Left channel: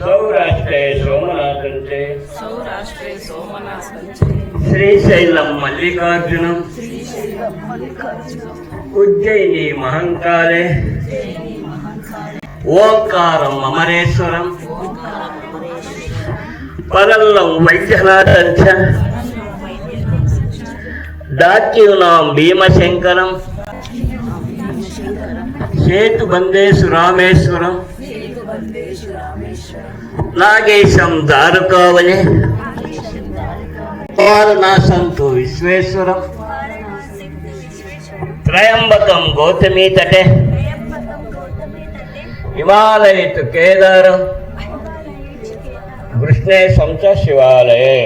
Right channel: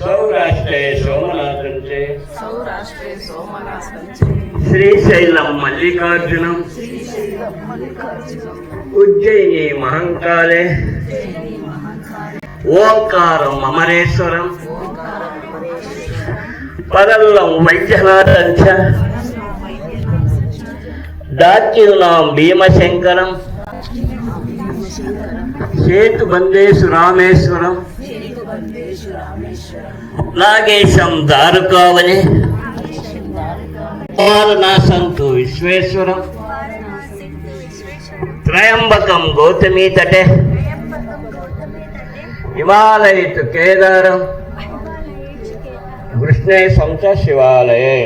सौराष्ट्रे सोमनाथंचे सौराष्ट्रे सोमनाथंचे श्रीशैलम मल्लिकार्जुनम उज्जयिनी महंकाले ओंकारम अमरेश्वरम परल्लम वैद्यनाथंच दाच्यूनां भीमशंकरम सेतुबंदेषु रामेश्वरम नागेशम दारुकावने वारणासंतु विश्वेश्वरम त्रयंबकम गौतमी तटे हिमालय तु केदारम कृष्णे संच शिवालये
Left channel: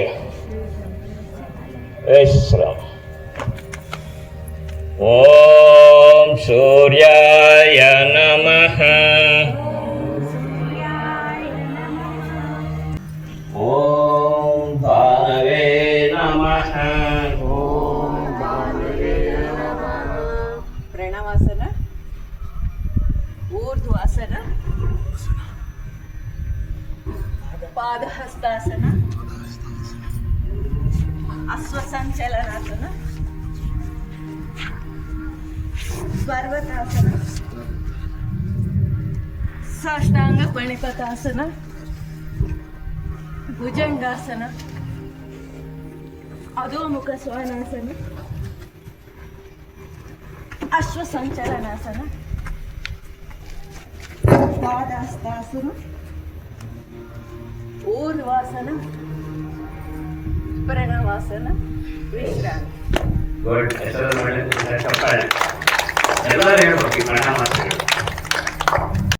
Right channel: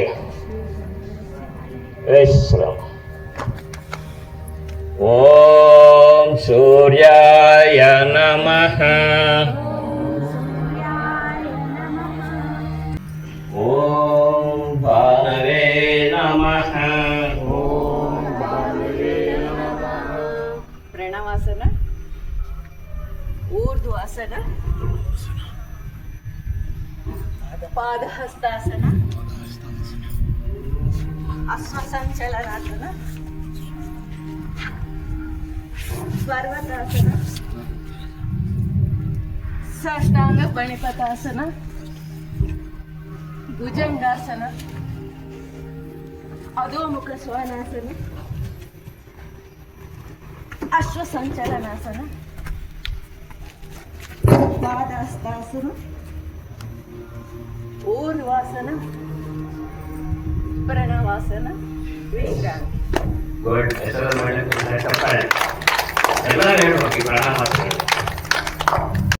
ओम सूर्याय नमः ओम भानवे नमः प्रणवासन ऊर्ध्वासन पादहस्तासन अश्वसंचलनासन पर्वतासन साष्टांग प्रणिपतासन भुजंगासन अधोमुख श्वानासन अश्वसंचलनासन पादहस्तासन ऊर्ध्वासन प्रणवासन विश्रांति गुड ಎಲ್ಲರೂ ಹೇಳ್ಬೇಕು ಪ್ರಣಾಮ